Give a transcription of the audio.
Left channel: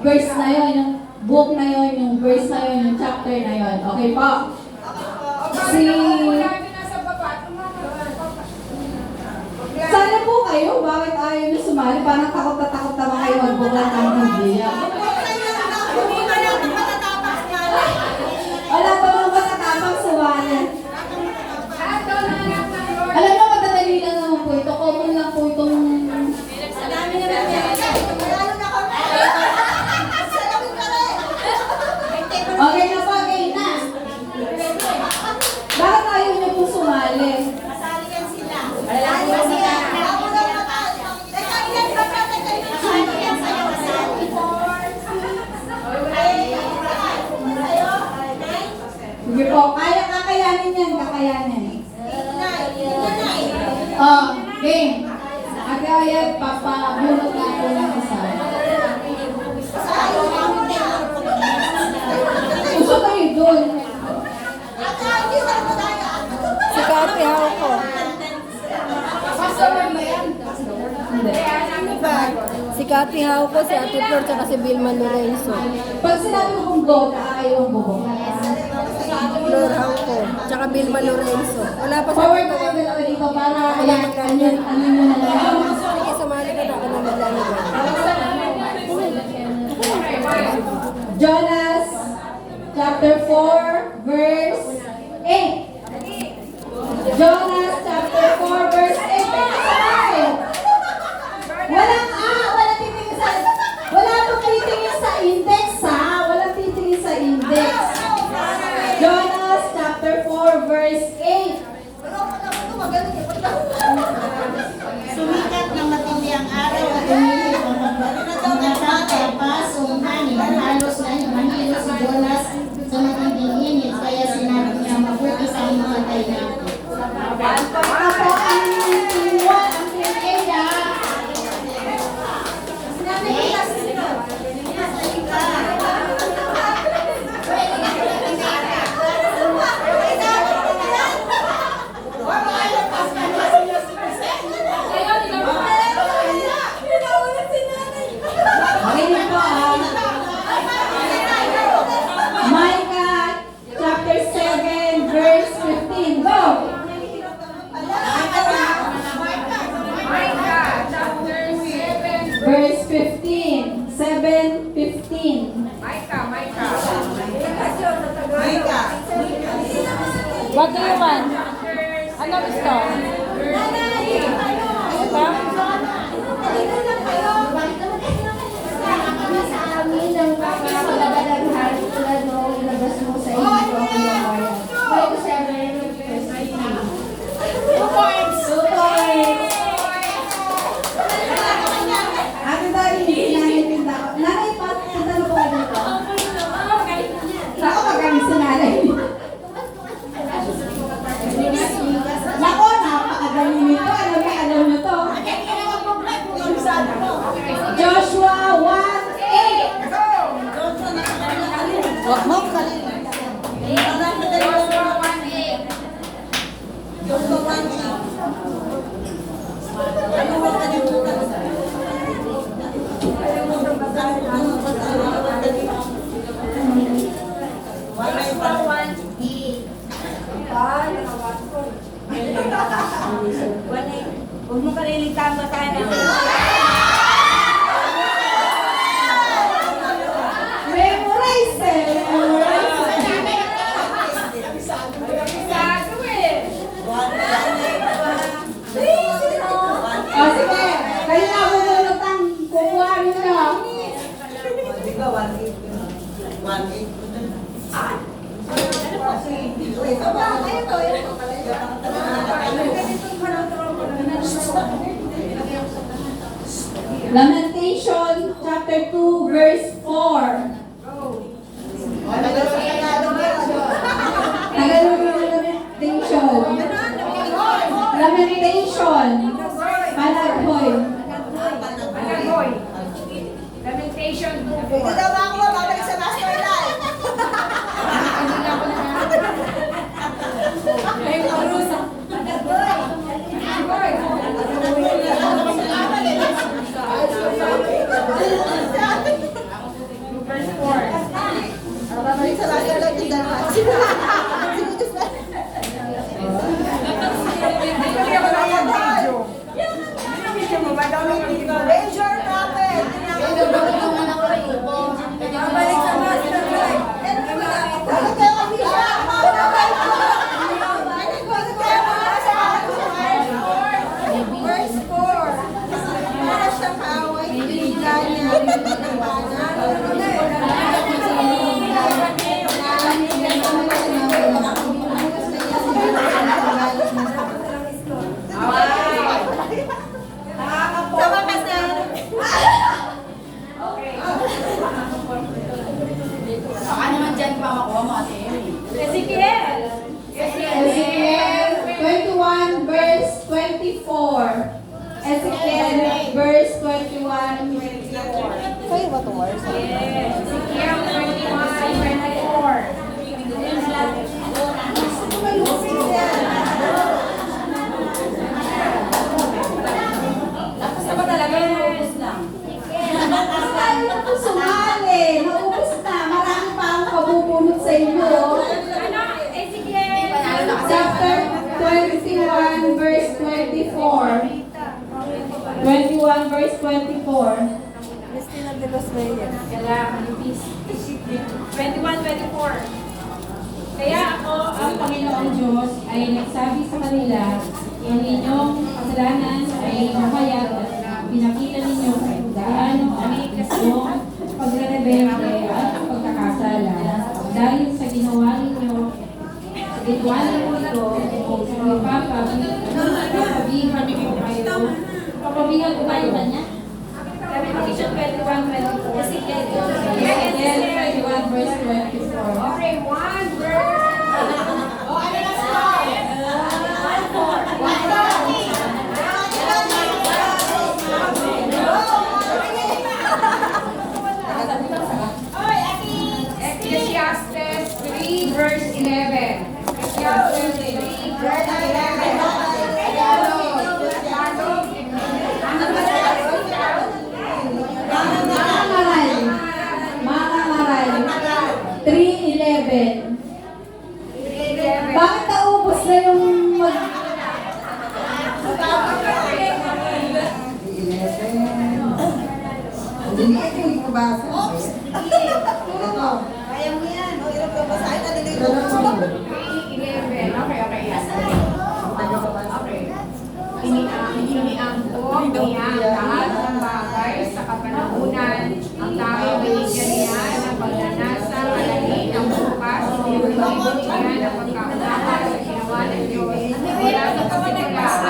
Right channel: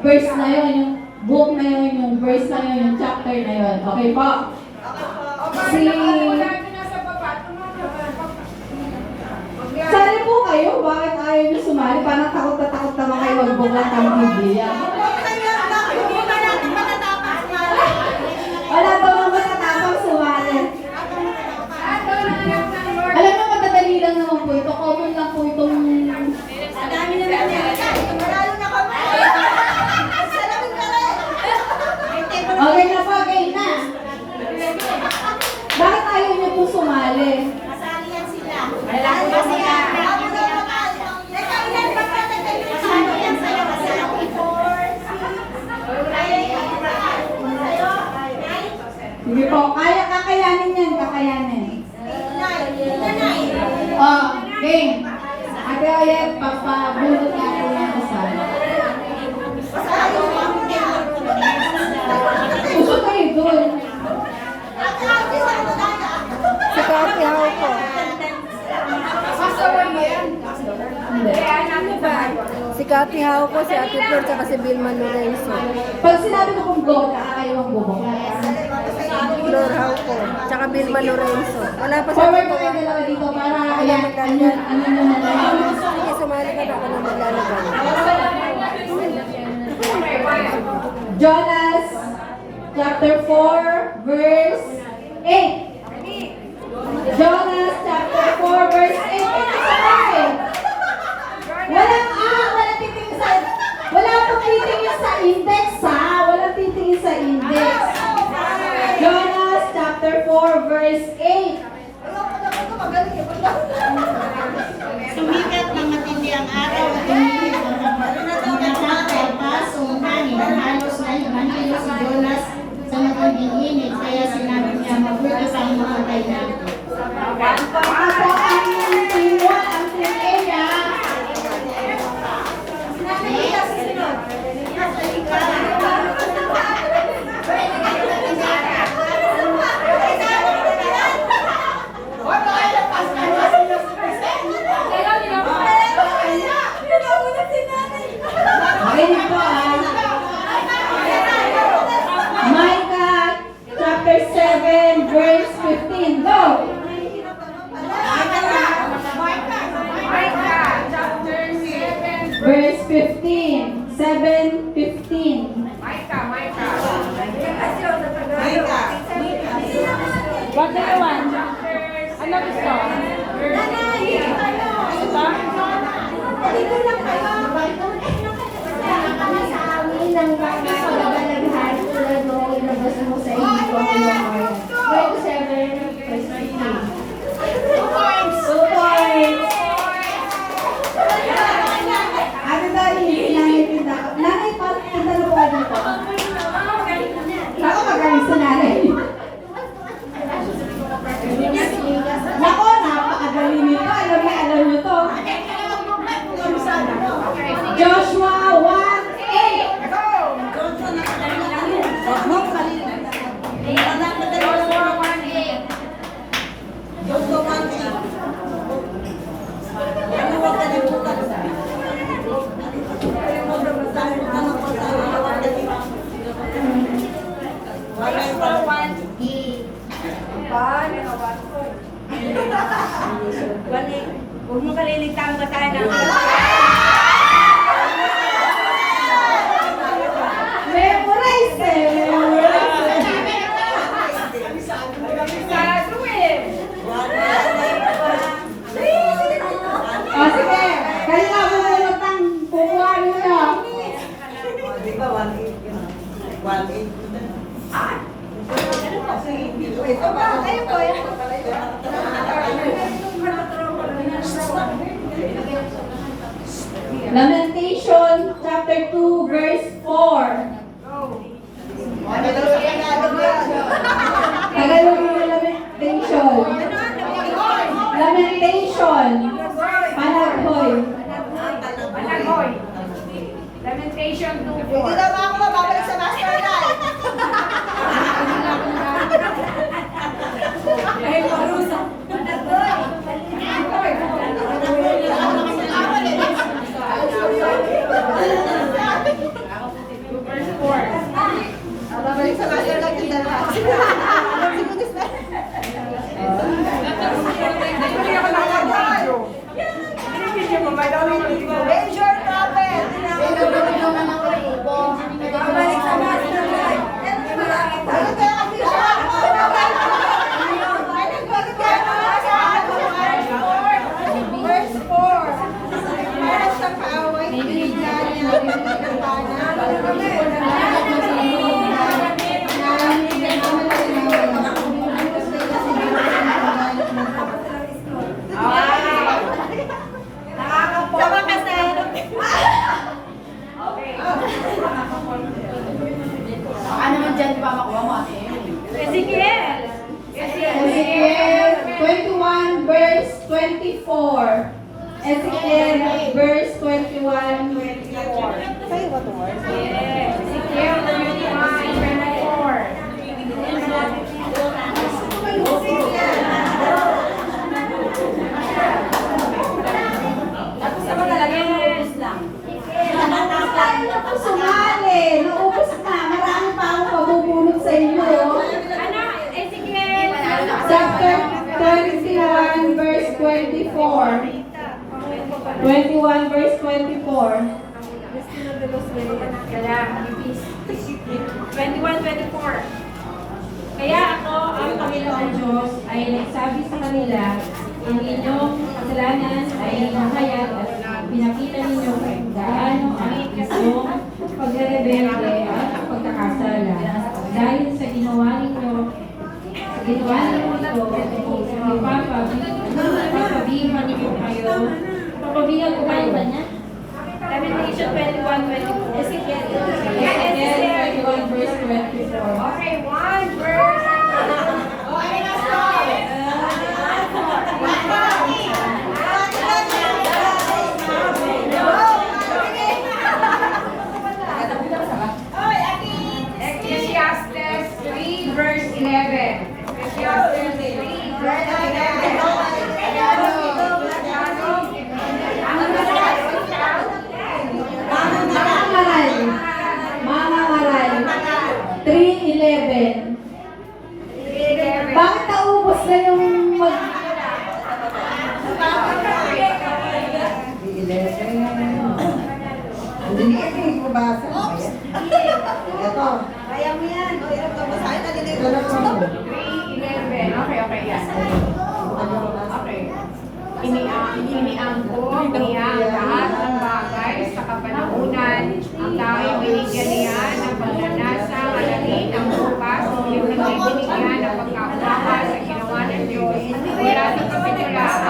verse na yun, yung book na yun, yung verse na yun, yung chapter na yun. Okay po? Sana po kayo, bakit ayaw nyo sumali? Parang takot na kayo magbukat ng Biblia. Wala pa mga matatapang sumali. Alam mo, madadali lang naman po ito. Common lang po itong... Okay na po, okay na. Bakit ayaw nyo po sumali? Masali yan sila. Masali yan sila. Sige po, kakayanin yan, kakayanin. Game. Ate Oyet, papabunot na po yung kasal. Gusto kayo doon. Si Kati Hauko. Hindi. Si Kati Hauko, si Ate Flor, tsaka si Vilma Lorenzo. Pag sinabi ko kung go, kayo ang bubong. Flor Hauko, tsaka Vilma Lorenzo. Wala pa sa Forward ko kayo dalawa dito para Wala maglalagay. ano nyo na lang. Sige, sumali ka na ako na maglalagay. Jonas chapter 4 verse 8. Jonas chapter 4 verse 8. Walang titingin sa index ha. Walang titingin sa index. Jonas chapter 4 verse 8. Sumikat ng matindi ang araw at tumigil ang nagpapalunod at pasungkanin ang halos na manhilo si Jonas sa matinding init. Kaya sinabi niya, mabuti sa inyong patay na. Ako ang team 1, ang team A ha. Okay na po Micah chapter 7 verse 15. Go! Verse 15. 7:15. Bagawan. Ano gusto? Ano ba yung nanay? Nanay pa, kita na po ka dito. Baka magaling sa nanay. Nako, napakagaling nito. Alam nyo to. Joshua 1:8. Huwag mo kaliligtaan ba tayo ng Memorize eh. O sige, kayo nga bubulot ang kukuha nyo. Di ba 1.8 yun? 1.8? Lamentation chapter 2 verse 4. Tagalog yung lamentation. Lamentation. Panaghoy. Lamentation 2:4. Hindi daw ba ako babalik sa master life? Ay, parusa. tayo na po sumali. Naubos na. Marami pa akong pabubulot sa inyo. Ano? Ezekiel. Chapter 21, verse 24. 21, verse 24. Cristina de los Reyes. Kaya, 21-24. Kaya ako, Ang Panginoon Diyos ay nagsabi sa kanila, ang inyong kasalanan ay mahayag at pinakita ninyo kung gaano ang inyong pagre-rebelde at ang pagkakasala. Dahil sa ginawa ninyo ito, papabihan niyo kayo. Papabihan ko kayo ba niya? Lamentation 21:24. Ezekiel 21 verse 24. okay, 1 verse. Ecclesiastes 3 verse 11. Ecclesiastes 3 verse Mga ngaral. 3:11. Bakit naubos na yung Kaya mo yan. O, ilang babasahin na nila 3:11. Okay, yan. Okay. Iniangkong niya ang lahat ng bagay sa kapanahunan. Ang tayo binigyan niya ng pagnanasa, alamin ang bukas. Binigyan niya ng pagkaunawa sa ginawa ng Diyos. Mula sa kasiguraan